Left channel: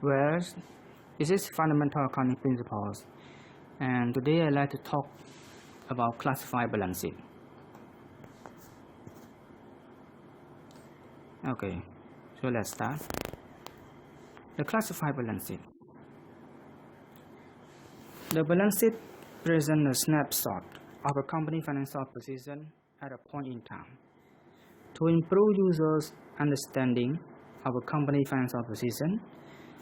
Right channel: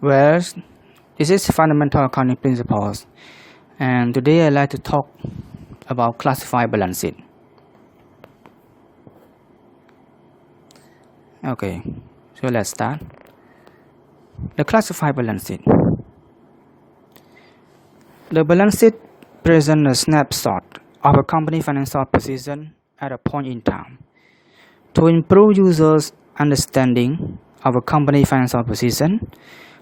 Well, this is fundamental accounting principles, and today I'd like to talk about classified balance sheet. Okay, so let's start. The classified balance sheet. The balance sheet presents a snapshot of a company's financial position at a point in time. To improve users' understanding of a company's financial position,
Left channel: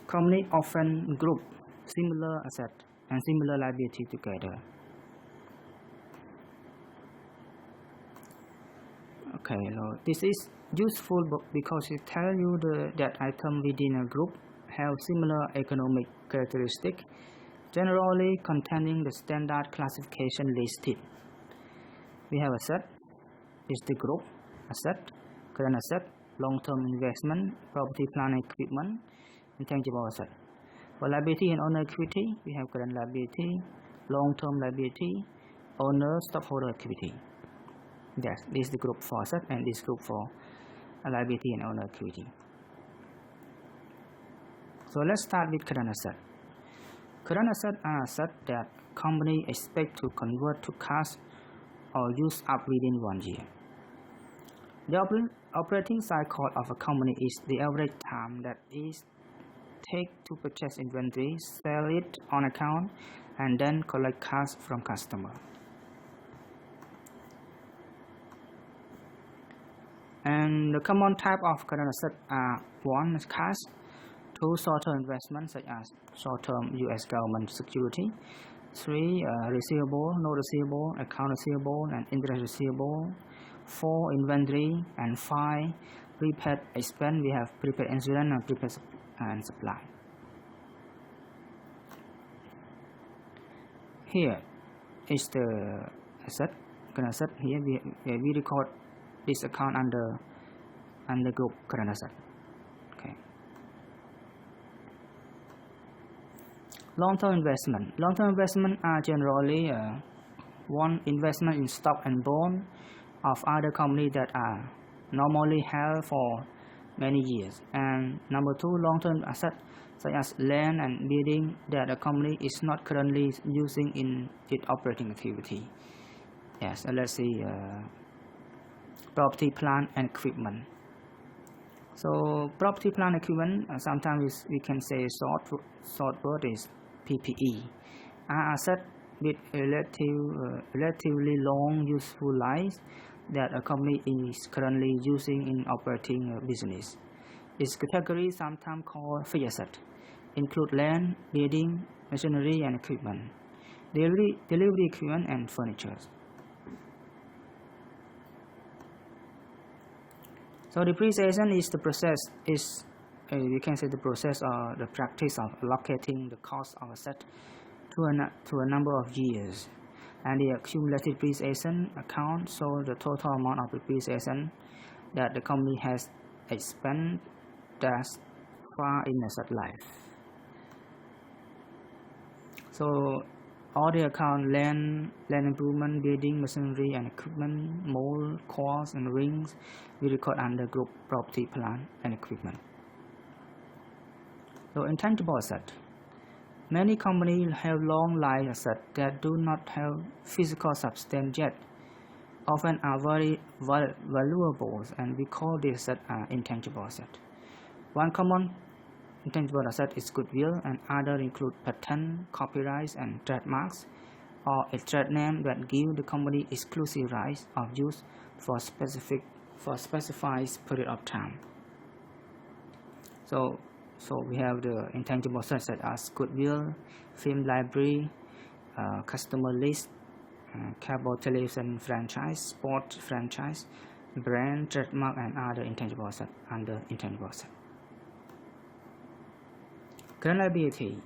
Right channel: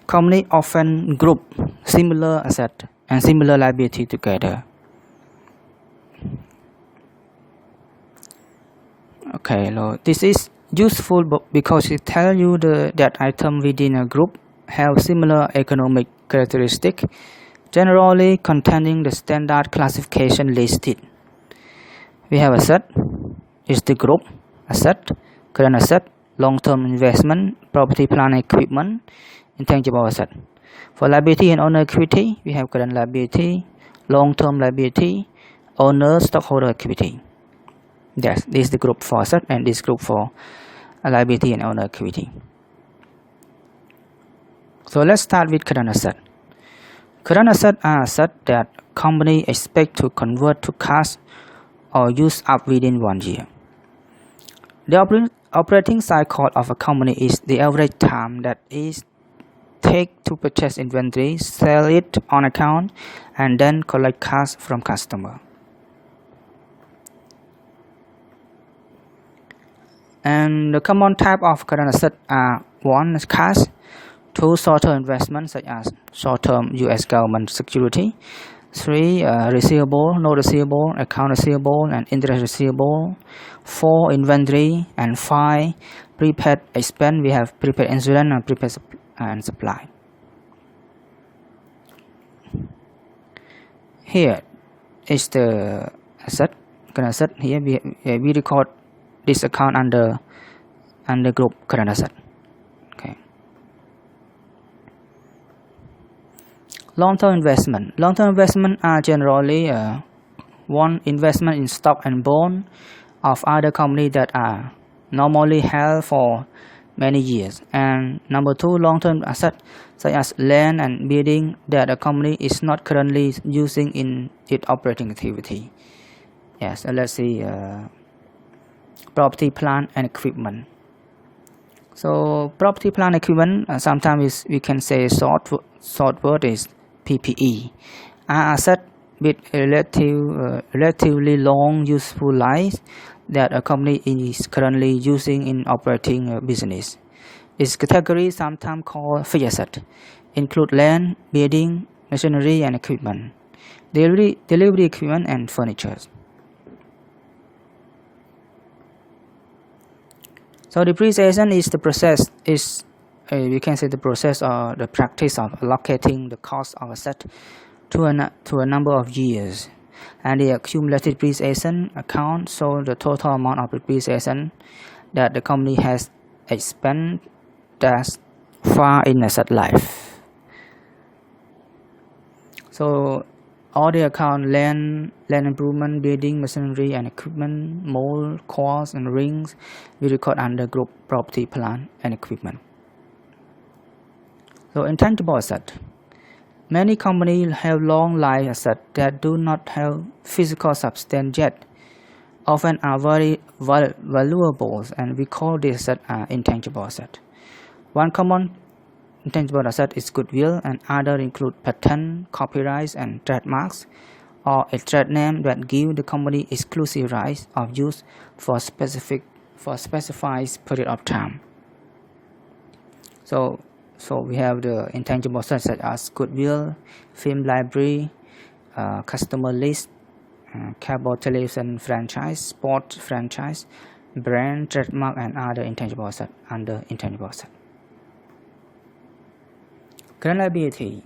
companies often group similar assets and similar liability together. Okay, so this is useful because it tells you that items within a group have similar economic characteristics, generally containing the standard classification listed. We have asset, is the group, asset, current asset, long-term investment, property, plant, equipment, intangible asset. For liability and owner equity, we have current liability, long-term liability, owner, stockholder equity. Yes, this is the group for asset and this group for liability and owner equity. So let's start with current asset. Current assets are assets that company expect to convert to cash or use up within 1 year. The operating cycle of a company is the average time that is take to purchase inventory, sell it on account, and then collect cash from customer. And the common type of current assets are 1. Cash, 2. Short-term investments such as short-term U.S. government security, 3. Receivable, note receivable, account receivable, and interest receivable, 4. Inventory, and 5. Prepaid expense. We have prepaid insurance and prepaid and supply. Here is the asset, current asset. Here we record this account under group current asset. Okay. Long-term investment. Long-term investment are generally 1. Investment in stock and bond of other companies that are normally held for many years, and number 2, long-term assets such as land and building that a company is not currently using in its operating activity. Yes, let's see. Property, plant, and equipment. So property, plant, equipment, sometimes we can say short word is PPE, are assets with relatively long useful life that a company is currently using in operating business. Its category, sometimes called fixed asset, include land, building, machinery, and equipment, delivery equipment, and furniture. So depreciation is the process, we can say the process or the practice of allocating the cost of asset to a number of years, and the accumulated depreciation account shows the total amount of depreciation that the company has expended thus far in asset life. So all the account, land improvement, building, machinery, and equipment, mold, coils, and rings, we record under group property, plant, and equipment. So intangible asset. Many companies have long life assets that do not have physical substance yet, often are very valuable, and we call this asset intangible asset. One common intangible asset is goodwill, and other include patent, copyrights, and trademarks, or a trade name that give the company exclusive rights of use for specified period of time. So we have the intangible assets such as goodwill, film library, customer list, cable television franchise, sport franchise, brand, trademark, and other intangible assets under intangible assets. Current liability.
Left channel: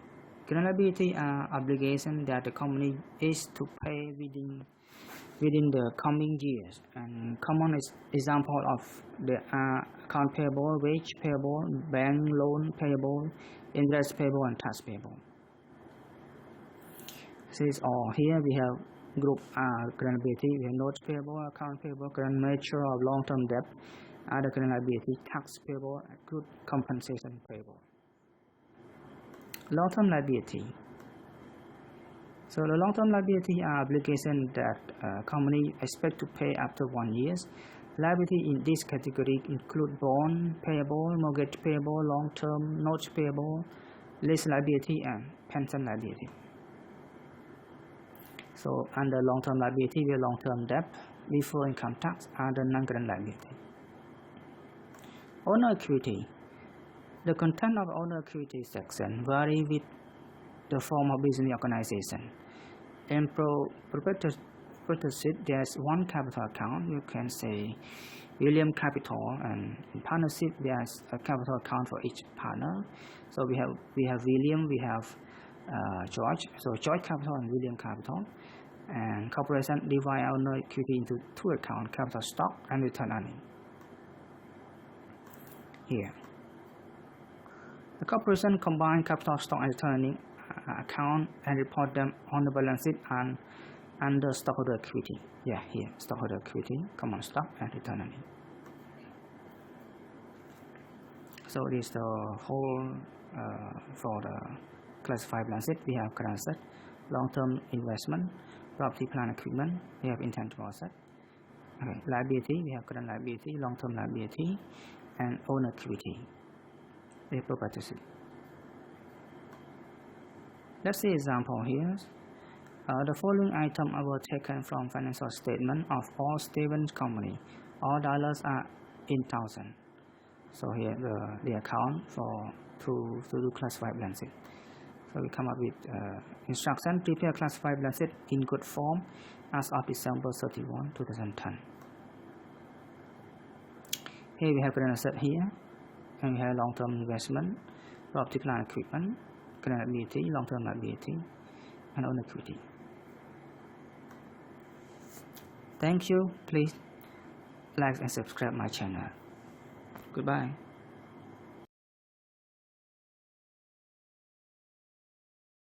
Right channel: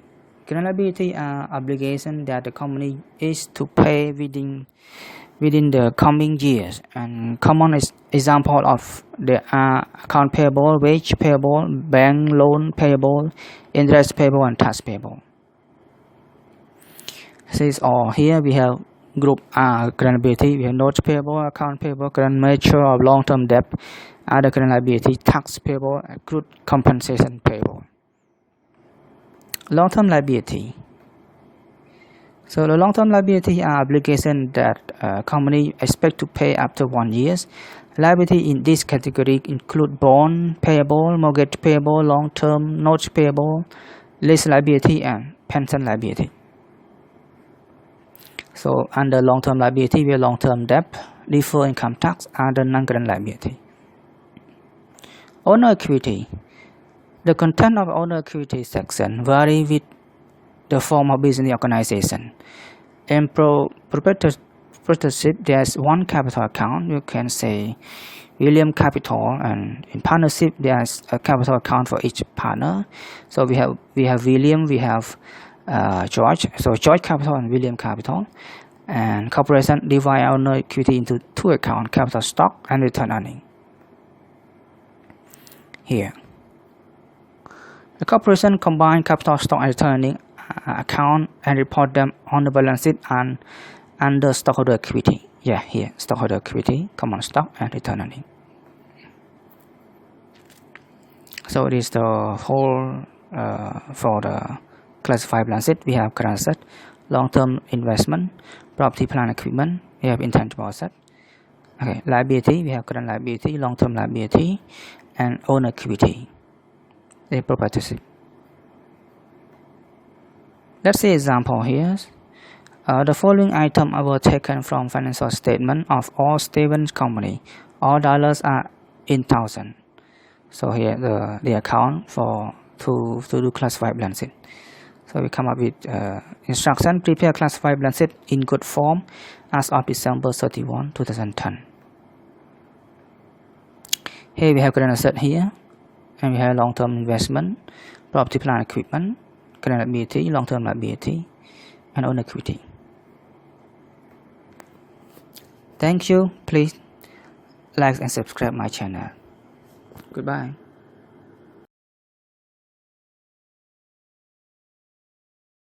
Current liability are obligations that the company is to pay within the coming years, and common example of the account payable, wage payable, bank loan payable, interest payable, and tax payable. Since all here we have group current liability, we have notes payable, account payable, current mature of long-term debt, other current liability, tax payable, accrued compensation payable. Long-term liability. So the long-term liability are obligations that company expect to pay after 1 year. Liability in this category include bond payable, mortgage payable, long-term notes payable, lease liability, and pension liability. So under long-term liability, we have long-term debt, deferred income tax, and the non-current liability. Owner equity. The content of owner equity section vary with the form of business organization. In proprietorship, there's one capital account. You can say William Capital, and in partnership, there's a capital account for each partner. So we have William, we have George. So George Capital and William Capital. And corporation divide owner equity into two accounts: capital stock and return earning. Here, the corporation combine capital stock and return earning account and report them on the balance sheet and under stockholder equity. Yeah, here, stockholder equity, common stock, and return earning. So this is the whole for the classified balance sheet. We have current asset, long-term investment, property, plant, equipment. We have intangible asset. Okay, liability. We have current liability, long-term liability, and owner equity. The proprietorship. Let's see example here. The following items were taken from financial statement of all Stevens company. All dollars are in thousand. So here the account for to do classified balance sheet. So we come up with instruction: prepare classified balance sheet in good form as of December 31, 2010. Here we have current asset here, and we have long-term investment, property, plant, equipment, current liability, long-term liability, and owner equity. Thank you. Please like and subscribe my channel. Goodbye.